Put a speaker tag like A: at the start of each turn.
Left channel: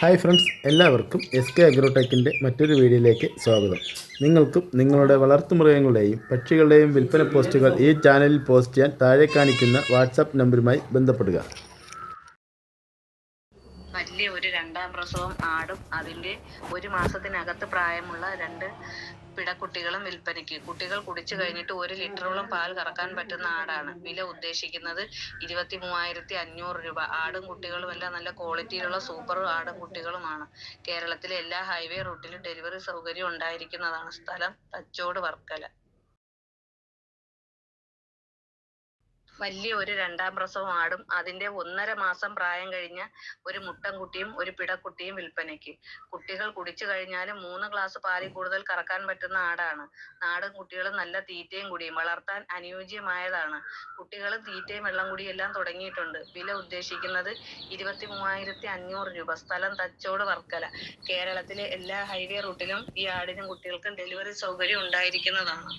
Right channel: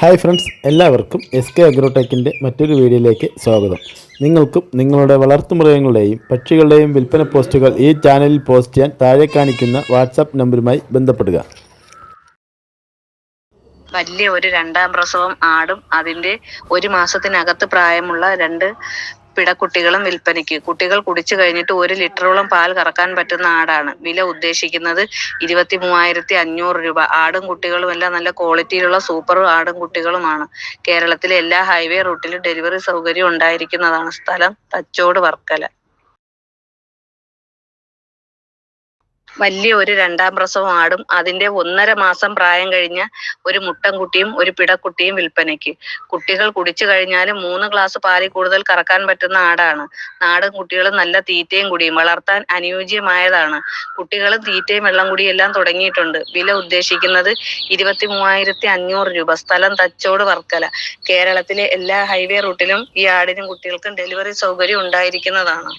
A: Hi friends എല്ലാവർക്കും S K അഗ്രോടെക്കിന്റെ മറ്റൊരു വീഡിയോയിലേക്ക് സ്വാഗതം. നിങ്ങൾക്കും നിങ്ങളുടെ വളർത്തുമൃഗങ്ങളുടെയും പക്ഷികളുടെയും വിൽപ്പന പോസ്റ്റുകൾ ഈ ചാനലിൽ പോസ്റ്റ് ചെയ്യാൻ താഴെ കാണിക്കുന്ന വാട്സാപ്പ് നമ്പറുമായി ബന്ധപ്പെടുക.
B: വലിയ ഒരു രണ്ടാം പ്രസവം ആടും അതിന്റെ ഒരു മാസത്തിനകത്ത് പ്രായമുള്ള രണ്ട് പിടക്കുട്ടികളും വിൽപ്പനയ്ക്ക്. കുട്ടികൾ കുടിച്ചു കഴിഞ്ഞിട്ട് ഒരു ലിറ്ററോളം പാൽ കറക്കാൻ പറ്റുന്ന ആടാണ്. വില ഉദ്ദേശിക്കുന്നത് ഇരുപത്തി മൂവായിരത്തി അഞ്ഞൂറ് രൂപ. ആടും കുട്ടികളും എല്ലാം നല്ല ക്വാളിറ്റിയിലുള്ള സൂപ്പർ ആടും കുട്ടികളുമാണ്. കേരളത്തിലെ എല്ലാ ഹൈവേ റൂട്ടിലും ഡെലിവറി സൗകര്യം ഉണ്ടായിരിക്കുന്നതാണ് സ്ഥലം. തച്ചോട് വർക്കല. വലിയ ഒരു രണ്ടാം പ്രസവം ആടും. അതിന്റെ ഒന്നര മാസം പ്രായം കഴിഞ്ഞ ഒരു മുട്ടൻ കുട്ടിയും ഒരു പിടക്കുട്ടിയും വിൽപ്പനയ്ക്ക്. കുട്ടികൾ കുടിച്ചു കഴിഞ്ഞാൽ മൂന്ന് ഗ്ലാസ് പാലിൽ കൂടുതൽ കറക്കാൻ പറ്റുന്ന ആടാണ്. നാടൻ കുട്ടികളും നല്ല തീറ്റയും കുടിയും വളർത്താൻ അനുയോജ്യമായതാണ്. കുട്ടികളും തീറ്റയും വെള്ളം കുടിയും എല്ലാം തുടങ്ങിയിട്ടുണ്ട്. വില ഉദ്ദേശിക്കുന്നത് ഇരുപത്തി മൂവായിരത്തി അഞ്ഞൂറ് രൂപ. സ്ഥലം തച്ചോട് വർക്കല. കേരളത്തിലെ എല്ലാ ഹൈവേ റൂട്ടിലും ഈ ആടിനും കുട്ടികൾക്കും ഡെലിവറി സൗകര്യം ഉണ്ടായിരിക്കുന്നതാണ്.